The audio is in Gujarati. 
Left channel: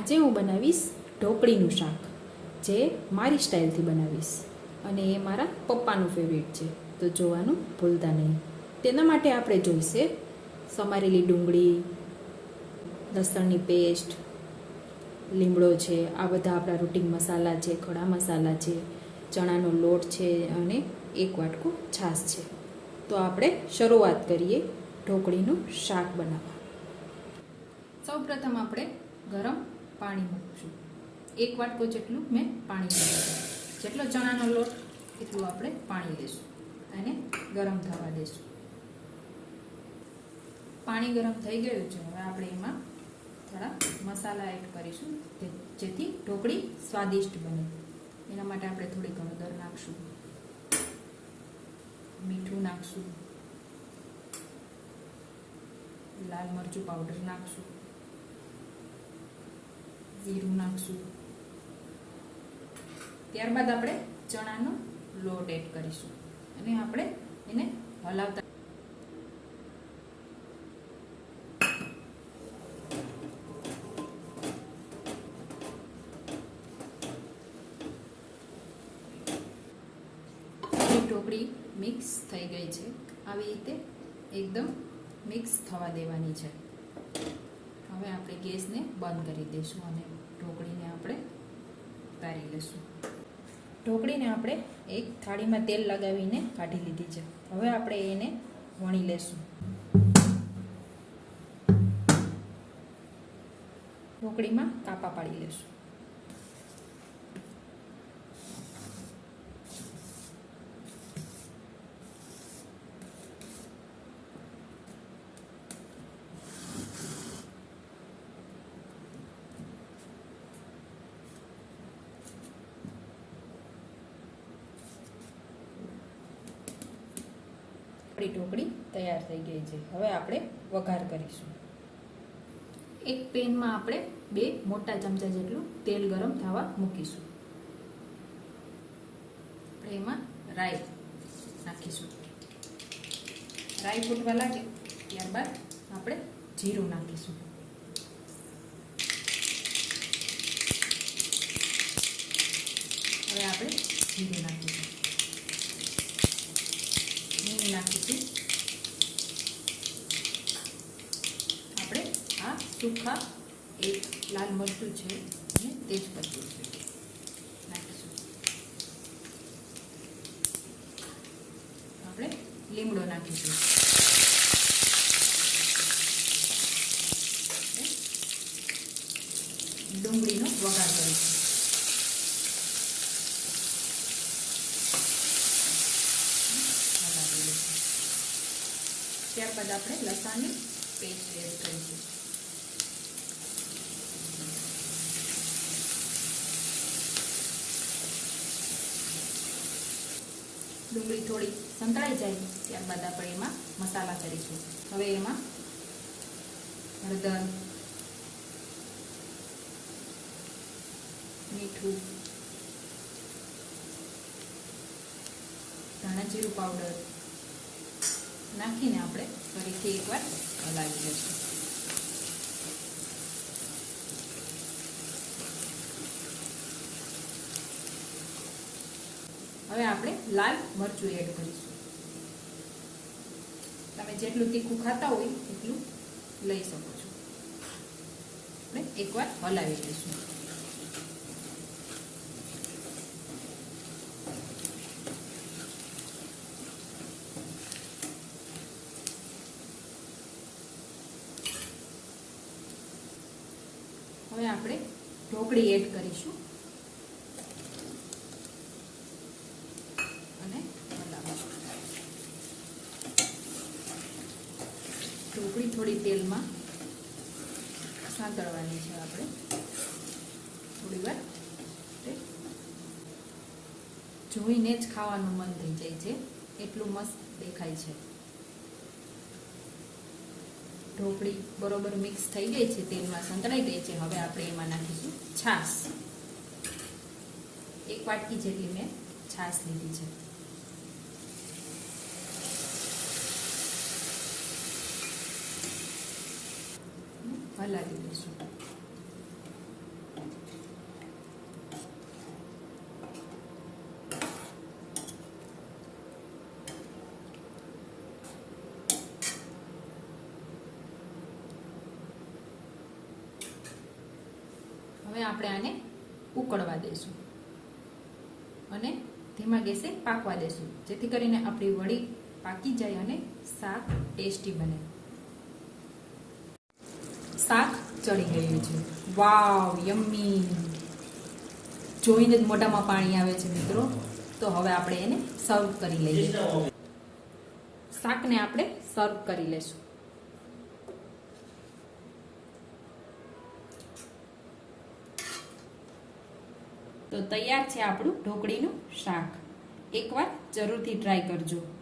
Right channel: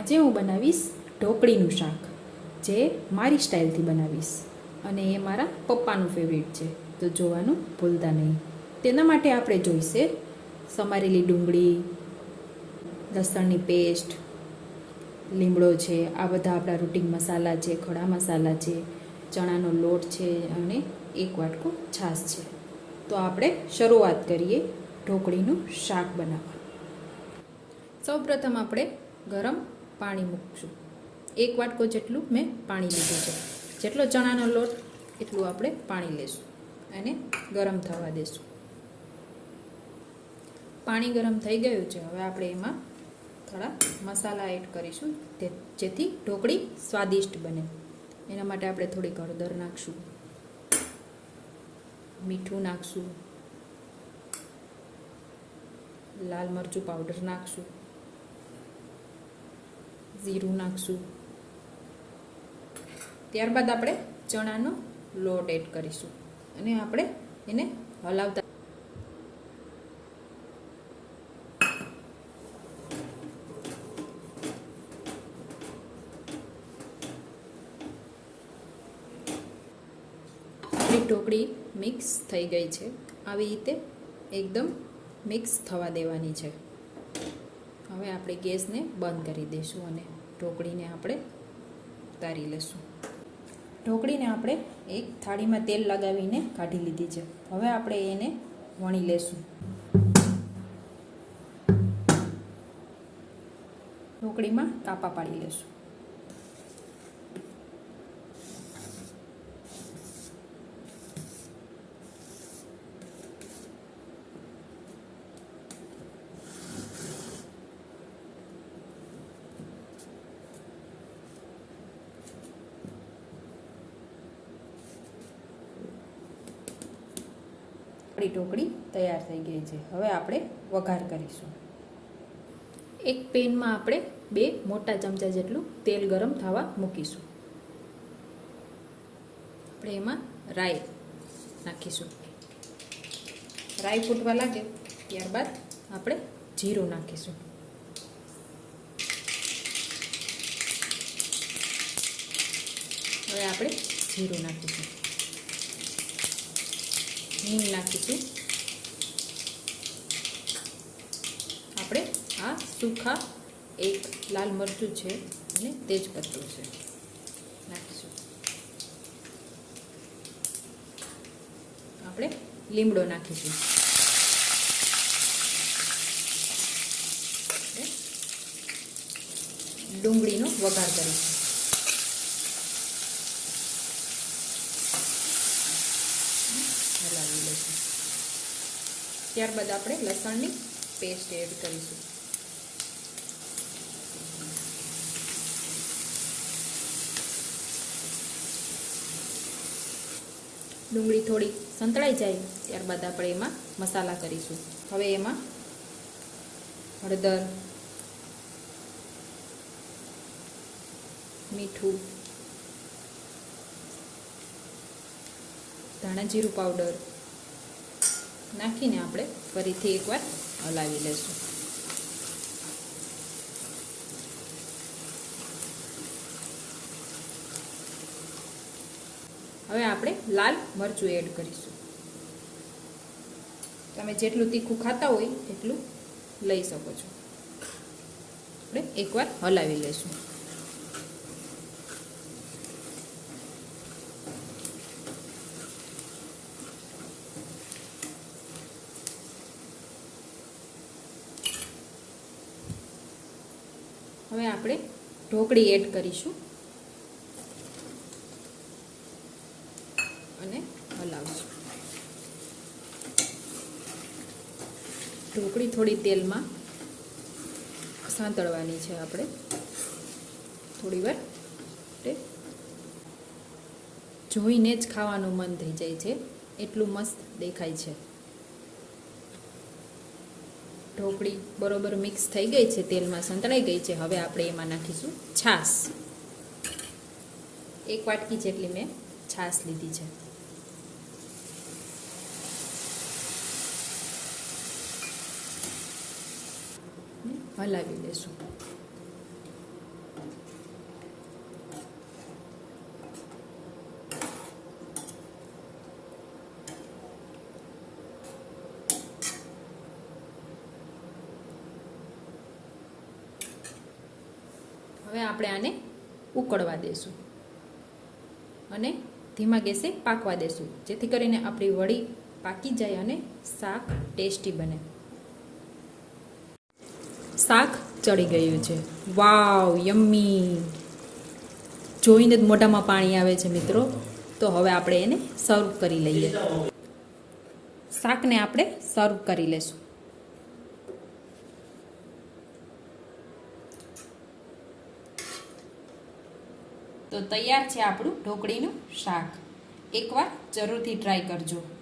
આજે હું બનાવીશ ઢોકળીનું શાક, જે મારી સ્ટાઇલથી બનાવીશ અને એ મારા પપ્પાનું ફેવરિટ છે, તો જોવાનું ભૂલતા નહીં. તેના માટે આપણે જોઈશે સમારેલી ડુંગળી, લસણની પેસ્ટ, લીમડો છે, આ બધા આપણા રૂટીન મસાલા છે, ખડા મસાલા છે, ચણાનો લોટ છે અને 1 વાટકો છાશ છે. તો આપણે શરૂઆત કરીએ ઢોકળીનું શાક બનાવવા. સૌપ્રથમ આપણે ગરમ પાણી મૂકશું. 1 વાટકો જેટલું મેં પાણી લીધું છે. જેટલો ચણાનો લોટ એટલું આપણે પાણી લેશું અને ગરમ થવા દેશું. પાણી ગરમ થઈ ગયું છે. હવે આપણે એમાં થોડા મસાલા એડ કરીશું જેથી ઢોકળી સ્વાદિષ્ટ બને. એના માટે આપણે થોડીક હળદર નાખશું, મીઠું નાખશું, લાલ મરચું પાવડર નાખશું, જીરું નાખશું. ત્યારબાદ આપણે ચણાનો લોટ એડ કરીશું અને આપણે એને હલાવતા ઢોકળી મિક્સ થઈ ગઈ છે. આવી રીતે એકદમ મિક્સ થવા દેવાની છે. હવે આપણે ગેસને બંધ કરી દઈશું અને ઢોકળીને આપણે ઉતારી લઈશું. ઢોકળીને આપણે એક થાળીમાં તેલ લગાવીને કાઢી લીધી છે. હવે આપણે એને વણી લઈશું. ઢોકળીમાં કાપા પાડી લઈશું. ઢોકળી તૈયાર થઈ ગઈ છે. હવે આપણે વઘાર કરીશું. એક પેનમાં આપણે 2 મોટા ચમચા જેટલું તેલ ગરમ થવા મૂકીશું. આપણે એમાં રાઈ નાખીશું. રાઈ ફૂટવા લાગે ત્યારબાદ આપણે જીરું નાખીશું. હવે આપણે જીરું નાખીશું, હિંગ નાખીશું. આપણે આ સૂખા 1 લાલ મરચું છે અને તેજપત્તું છે નાખીશું. આપણે લીમડો નાખીશું. ડુંગળીનો વઘાર કરીશું. ત્યારબાદ આપણે લસણની પેસ્ટ એડ કરીશું. ડુંગળી થોડી સંતળાઈ જાય ત્યારબાદ આપણે એમાં મસાલા કરીશું. હવે એમાં હળદર, મીઠું, ધાણા જીરું પાવડર નાખીને આપણે ફરીથી એકવાર હલાવી લઈશું. હવે આપણે લાલ મરચું એડ કરીશું. તમે જેટલું તીખું ખાતા હોય એટલું લઈ શકો છો. આપણે એકવાર હલાવી લઈશું. હવે આપણે ઢોકળી એડ કરીશું અને હલાવીશું. ઢોકળી થોડી તેલમાં સાંતળવાની છે. આપણે થોડી વાર જોઈને જ ખાવાનું મન થઈ જાય છે, એટલું મસ્ત દેખાય છે. ઢોકળી બરોબર મિક્સ થઈ ગઈ છે, તેલમાં સંતળાઈ ગઈ છે. હવે આપણે એમાં નાખીશું છાશ. 1 વાટકી જેટલી મેં છાશ લીધી છે. હલાવી લઈશું. હવે આપણે આને ઉકળવા દેશું અને ધીમા ગેસે પાકવા દેશું, જેથી કરીને આપણી વડી પાકી જાય અને શાક ટેસ્ટી બને. શાક ચડી ગયું છે. વાવ, યમ્મી! જોઈને જ મોઢામાં પાણી આવે છે મિત્રો. તો હવે આપણે એને સર્વ કરી લઈએ. શાકને આપણે સર્વ કરી લેશું. તો તૈયાર છે આપણું ઢોકળીનું શાક. એકવાર જરૂરથી ટ્રાય કરજો.